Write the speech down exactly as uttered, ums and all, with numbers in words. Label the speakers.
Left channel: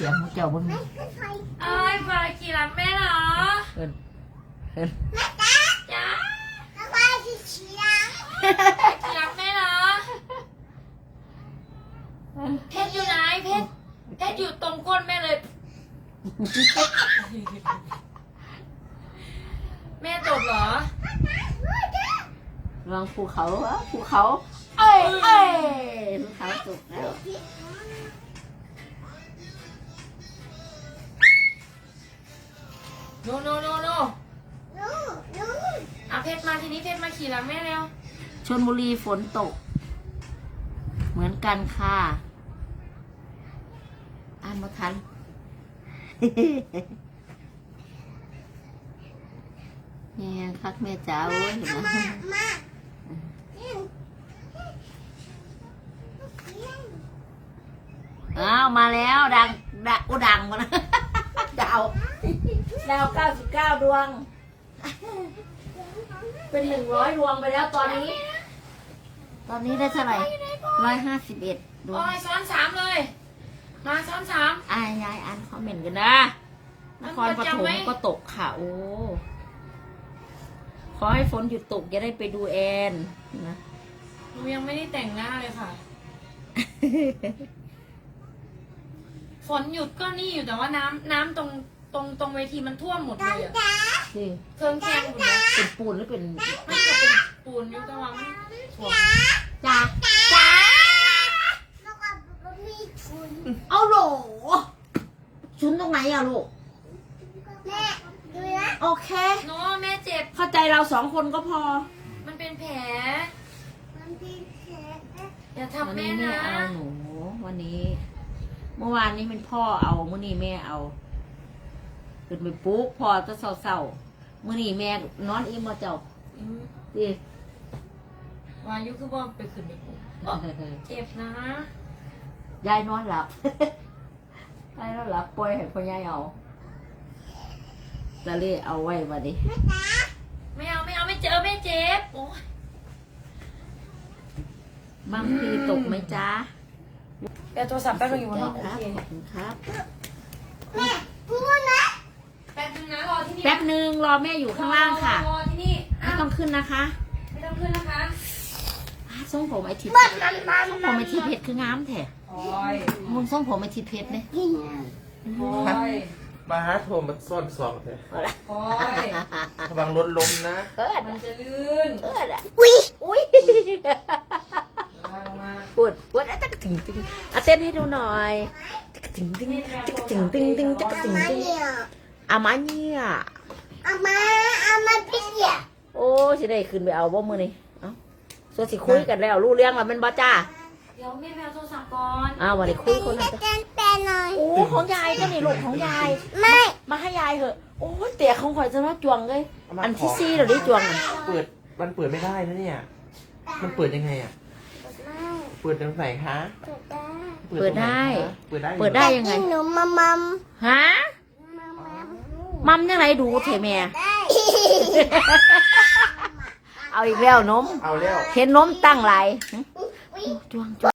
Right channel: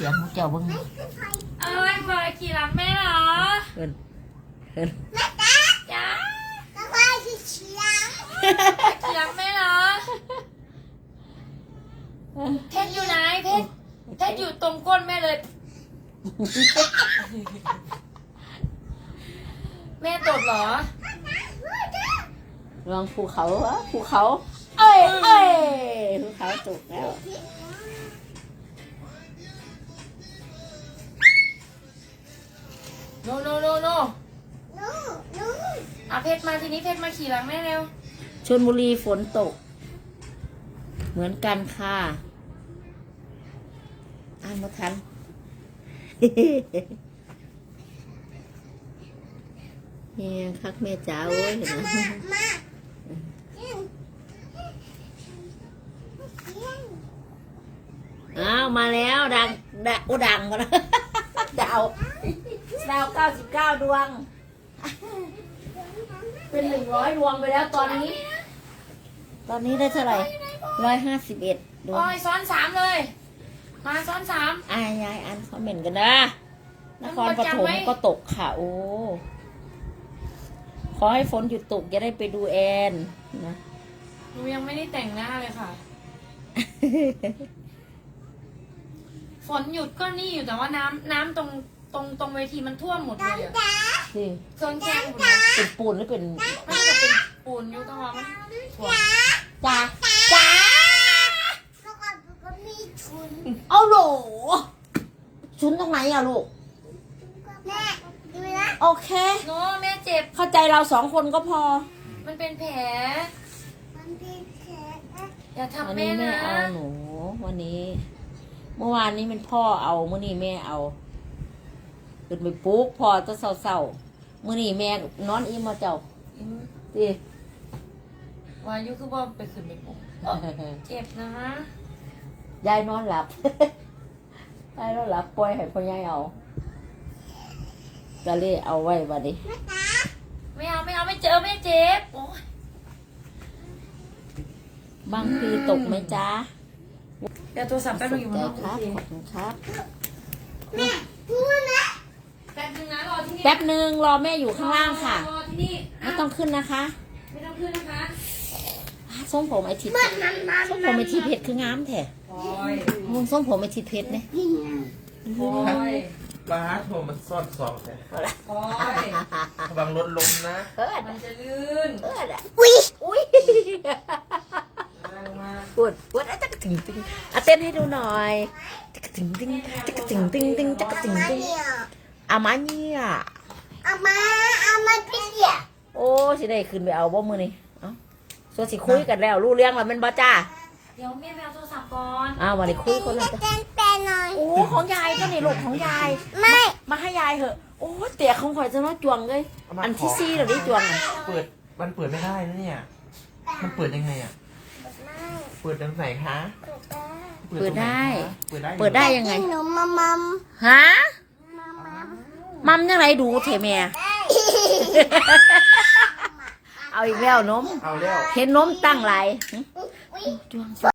Speaker 1: ยงของเจ้าบ้าง
Speaker 2: เอ้ยมาขี่หลังแม่เหรอ
Speaker 1: เอินเอิน
Speaker 2: จ้า
Speaker 3: มาขี่หลัง
Speaker 2: ขี่หลังแม่เหรอเพชรอยู่ไหนเพชรเพชรอยู่ตรงก้นแม่เลย แม่ตดเหรอ
Speaker 1: ลองภูเขาวะภูเขาเอ้ยเอ้ยภูเขาตกแล้ว
Speaker 2: โนโนโนโนอ่ะเพชรมาทีนี้เพชรมาขี่หลังแม่เร็ว
Speaker 1: ชลบุรีฝนตก เหมือนกันค่ะอ่านมาทัน เฮียคักแม่จ๋าโอ้ยเห็นไหมอ้าวมาแล้วดังดังโอ้ดังมาแล้ว ดาวดาวเก้าสิบเก้าดวง เป็นหนึ่งร้อยดวงไปแล้วตอนนี้ ตอนนี้ได้เท่าไหร่ร้อยห้าสิบเอ็ดดวง
Speaker 2: โอ้ยซ้อนสามเลย มาซ้อนสาม
Speaker 1: อายยายอ่านคอมเมนต์กันนะนครปฐมก็ตกค่ะโอ้ขอให้ฝนหยุดตกจะได้ไปดูแอนนะ
Speaker 2: หนูยังไม่ได้แต่งหน้าเลยค่ะ ฝนหยุดก็นี่อยู่แต่ว่าน้ำน้ำตรงตรงตรงเวทีมันท่วมหมดเลยอะ
Speaker 1: นี่
Speaker 2: เครื่องแกงหมดเลย
Speaker 1: เป็นปูนหรือเป็น
Speaker 2: มันก็เป็นปูนอยู่ตรงว่ามันท่วม
Speaker 1: จ้าจ้า
Speaker 3: แล้วก็มีชุน
Speaker 1: เอาโหลชุนตรงไหนอะลูก
Speaker 3: แม่ดูนะ
Speaker 1: โอเค
Speaker 2: โนแม่เจ็บ
Speaker 1: เข้าใจเราสองคนก็พอ
Speaker 2: มันเป็นแผล
Speaker 3: มันเป็นแผล
Speaker 2: อย่า
Speaker 1: วัน
Speaker 2: ทำแม่
Speaker 1: นี้แม่
Speaker 2: นะ
Speaker 1: เอาหนู วันนี้ เมื่อวานนี้เป็นพ่อเอาเมื่อนี้แม่เอาขึ้นไปปลุ๊กพ่อจะเศร้าๆเมื่อนี้แม่นอนอิ่มมาเจ้า
Speaker 2: อืม
Speaker 1: ดิ
Speaker 2: วายุคือบ่ไปขึ้นไปปลุกเจ็บนะ
Speaker 1: ยายนอนหลับ ยายนอนหลับปล่อยให้พ่อยายเอาจะเล่เอาไว้วันนี้
Speaker 2: ไม่เอาไม่เอาไม่เจอไม่เจ็บโอ้ย
Speaker 1: บางทีตกไหมจ๊ะ
Speaker 2: เดี๋ยวโทรศัพท์แป๊บ
Speaker 1: ส
Speaker 2: นึง
Speaker 1: น
Speaker 2: อยู่
Speaker 1: ใจ
Speaker 2: นะครับ
Speaker 1: ขอบคุณครับ
Speaker 3: แม่พูดนะ
Speaker 2: แป๊บนึงนะรอที่นี่
Speaker 1: แป๊บหนึ่งรอแม่อยู่ข้างล่างค่ะ
Speaker 2: รอที่นี่
Speaker 1: ไม่ต้องขึ้นนะคะ
Speaker 2: ไม่ต้องขึ้นนะคะ
Speaker 1: ทรงผมไอทิพย์ทรงผมไอทิพย์เพชรคืองามแท้
Speaker 2: โอ้ย
Speaker 1: มึงทรงผมไอทิพย์เพชรเนี่ย
Speaker 3: กิน
Speaker 2: โอ้ย
Speaker 4: มาหาโทรมาซ่อนซองแต่
Speaker 2: โอ้ย
Speaker 4: ระวังรถล้มนะ
Speaker 1: เออ
Speaker 2: มันจะลื่น
Speaker 1: เอออุ้ยอุ้ย
Speaker 2: มาลงมา
Speaker 1: ปวดปวดอ่ะจักจึงตึงอ่ะเต้นให้ดูหน่อยจักจึงตึงจักจึงตึงตึงจักจึง
Speaker 3: มา
Speaker 1: ตึง
Speaker 3: เนี่ย
Speaker 1: อามาเนี่ย
Speaker 3: เอามาเอามาพี่เดีย
Speaker 1: โอ้สิได้ขึ้นไปเอาบ่มือนี่เอ้าส่วนสิคุยกันแล้วรู้เรื่องแล้วแมันบ่จ้า
Speaker 2: เดี๋ยวแม่แมวโทรศัพท์ก่อน
Speaker 1: อ้าววันนี้คุยคนละจ้ะ
Speaker 3: แจ้งแปลหน่อย
Speaker 1: โอ้ของยายก็นี่ลูกของยาย
Speaker 3: ไม่
Speaker 1: มาให้ยายเถอะโอ้ยเตี๋ยของข่อยจะน้อยจวงเลยอันที่ซี่เหรอนี่จวงอ่ะ
Speaker 4: เปิด มันเปิดไม่ได้นะเนี่ย มันเปิดยังไงอ่ะ เปิดตรงไหนคะ
Speaker 1: เปิดได้
Speaker 4: เปิดได้
Speaker 1: เปิดได้ยังไง
Speaker 3: หนูมามัม
Speaker 1: ฮะมัมยังไงดูเถอะแม่ เอาอีกแล้วนม
Speaker 4: เอาแล้ว
Speaker 1: เห็นนมตั้งหลายหึจวง